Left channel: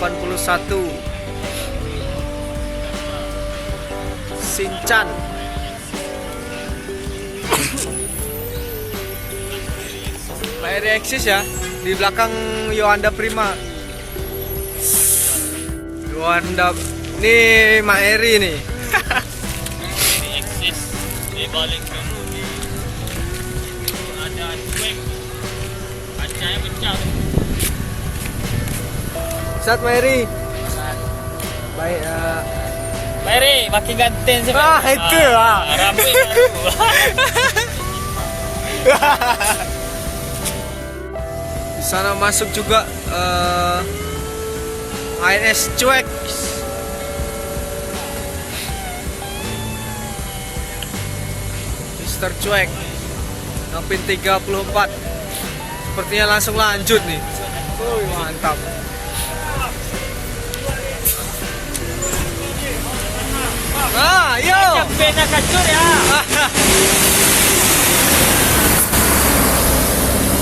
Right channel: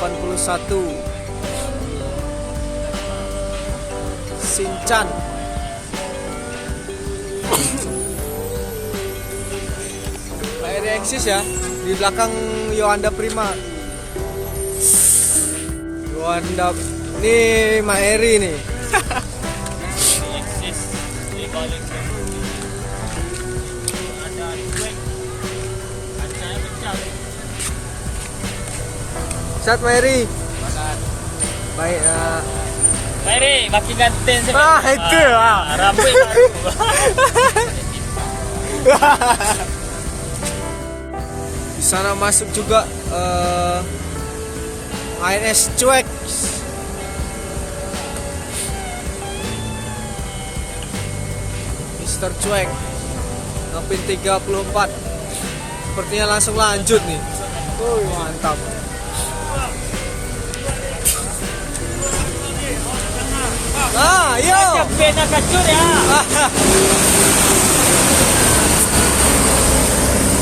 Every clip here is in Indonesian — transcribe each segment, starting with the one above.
81 Shinchan. Pak Eri eksis ya, di belakang Yohanda Prima. Yohanda, nih Mak Eri nih. Eksis di balik ada cuek, kacanya pecah. Sat Mak Eri. Baik. Mari makin ganteng sih. Itu lah. Rambut baru. Di sana masuk juga ANS Cuek. Mister Cuek. Ngapin 34. Sepertinya langsung lanjut nih. Mantap. Yo. Beda kacur ya.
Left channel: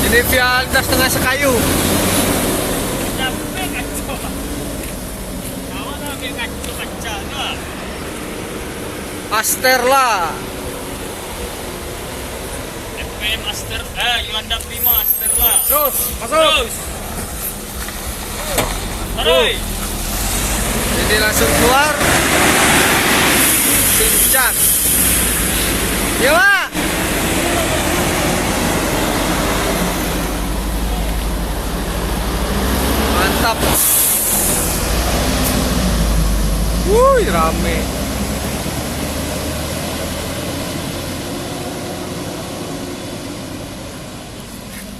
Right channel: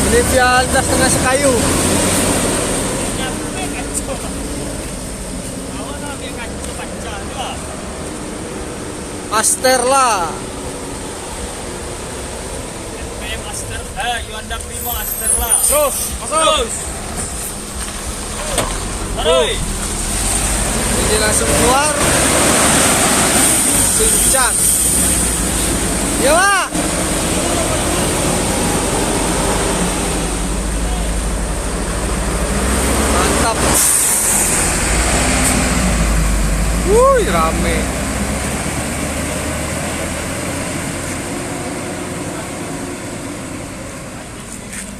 Ini via lintas tengah Sekayu. Asterla. Master, Yohanda Prima Asterla. Terus, Terus. Ini langsung keluar. Shinchan. Ya, Pak. Mantap. Wuih, rame.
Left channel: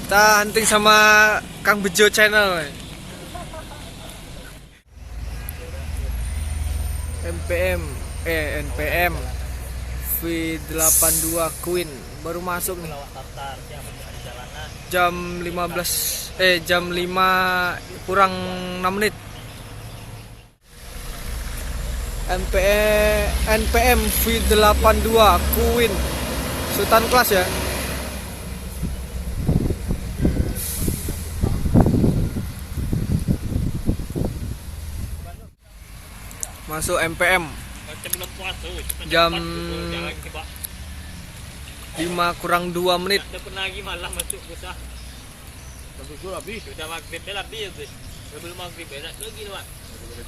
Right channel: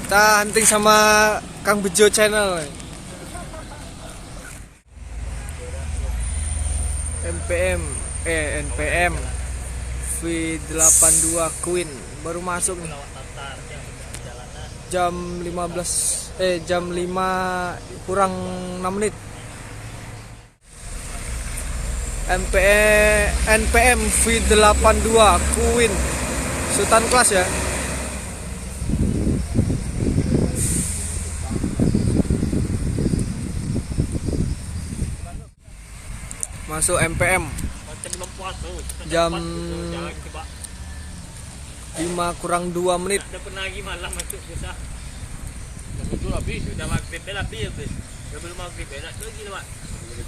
Kita hunting sama Kang Bejo channel. NPM V82 Queen baru masuk nih. Jam 5 kurang 6 menit. NPM V82 Queen Sultan kelas ya. Masuk MPM jam 5 kurang 2 menit. Ada pernah lagi malam masuk susah. Masuk habis. Sudah maghrib dah habis. Belum maghrib enak lagi Pak.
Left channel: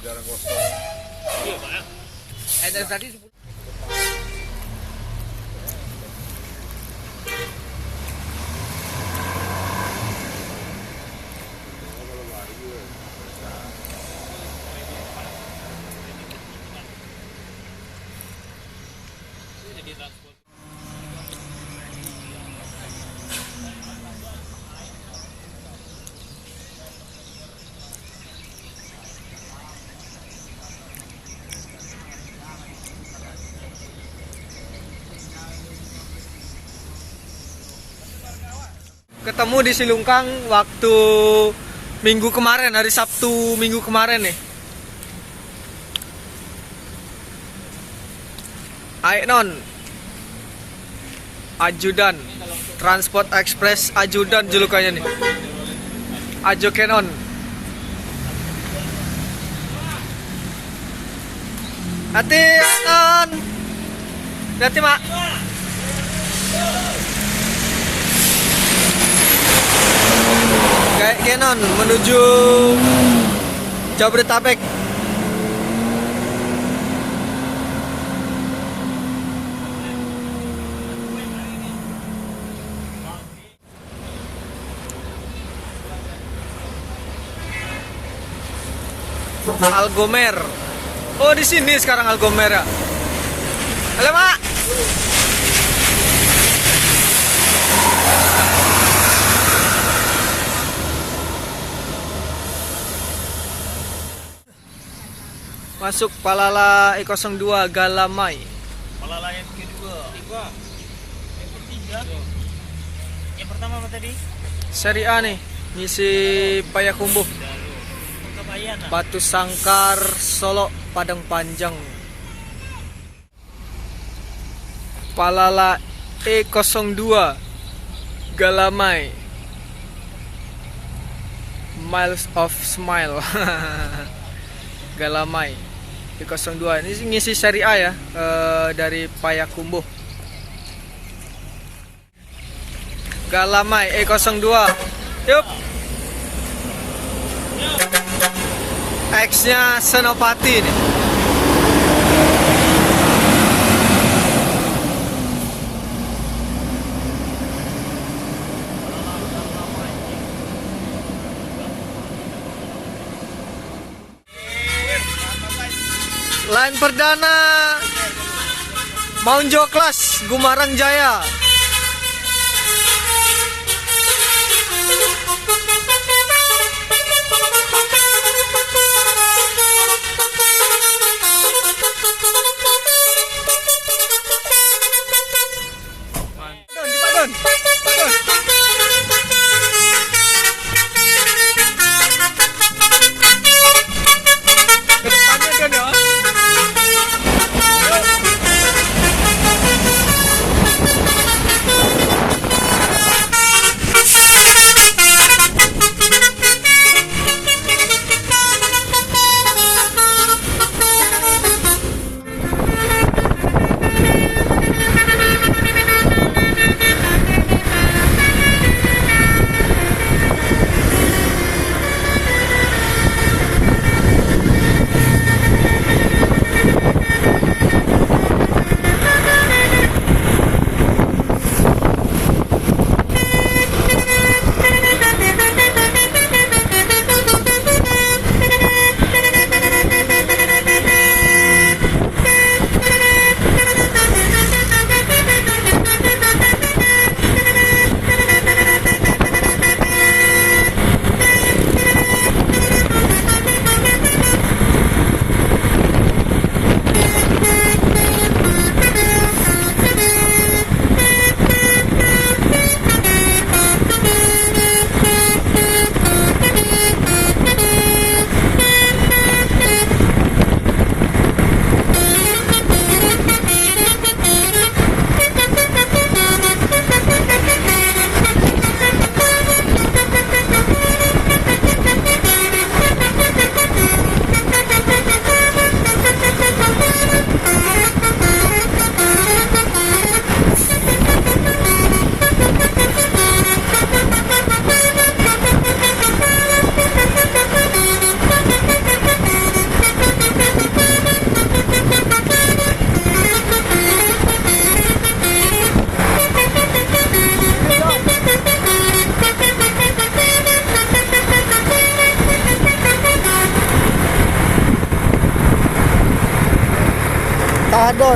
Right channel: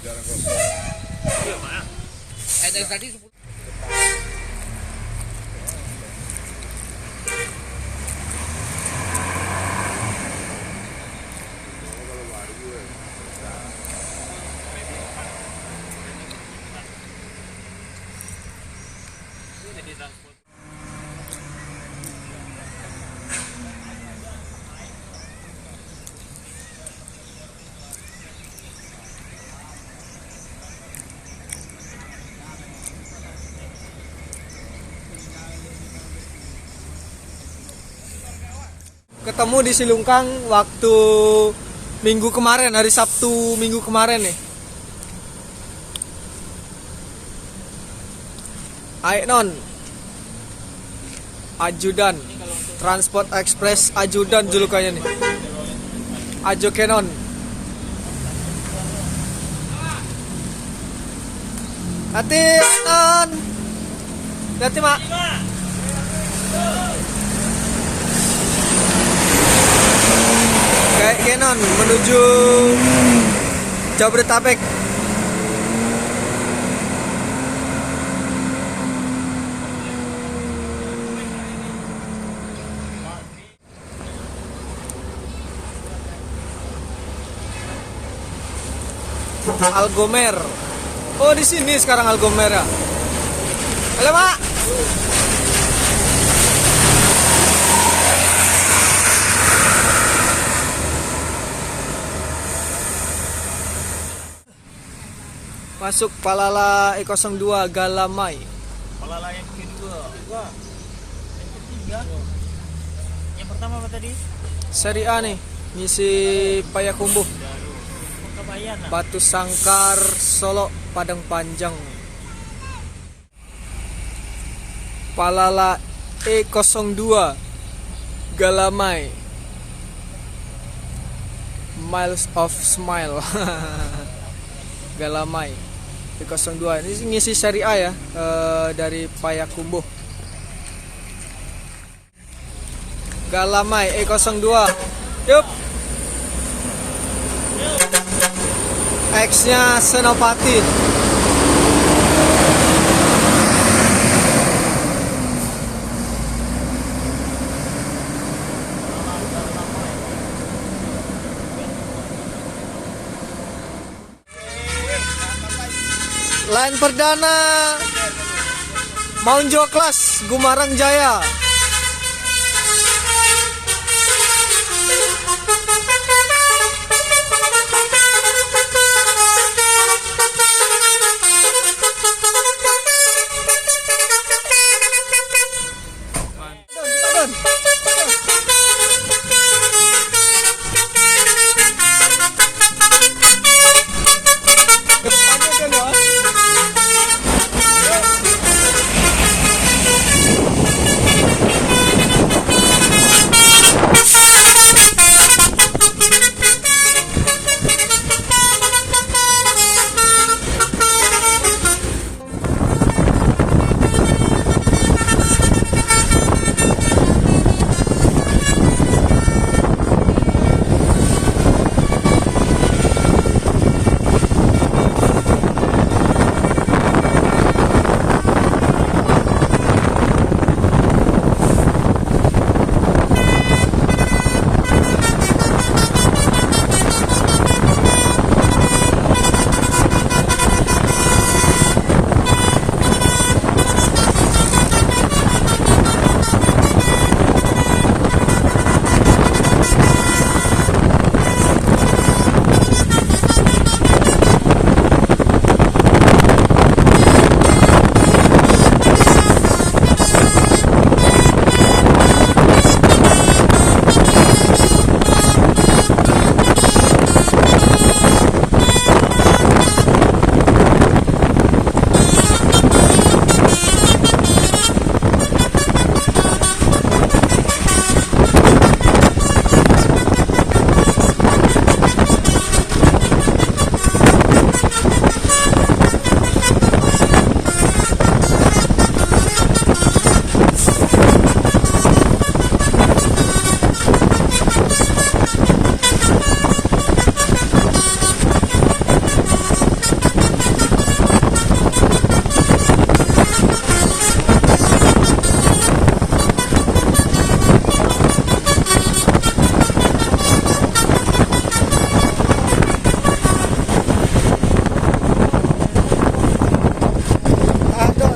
Jarang kosong. Iya Pak. Ada tadi 10. Ketemu di Silungkang waktu minggu kemarin, hari Sabtu minggu kemarin nih. Aiknon Ajudan Transport Express Ajudan julukannya nih. Ajo Kenon. Hati Aiknon. Hati Mak. Kayak Kenon menuju Jabodetabek. Algomer. Oh, di sini sekarang Algomer ya. Halo, Mak. Masuk Palala E02 Galamai. Palala yang kedua. Yang ketiga. Yang pertama apa tadi? Seri A nih, misi Payakumbuh. Batu Sangkar, Solo, Padang Panjang. Palala E02 Galamai. Miles of Smile. Galamai E02. Ini ngisi seri A ya, dari Payakumbuh. Galamai E02. Yup. X-nya Senopati nih. Line perdana Maunjo Class Gumarang Jaya. Kedepannya kan ya.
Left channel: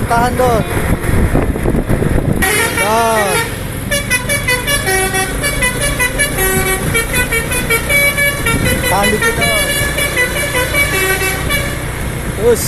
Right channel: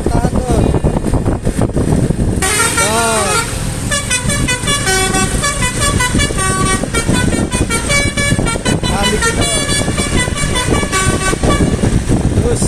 Tahan Don. Tahan dikit Don. Terus.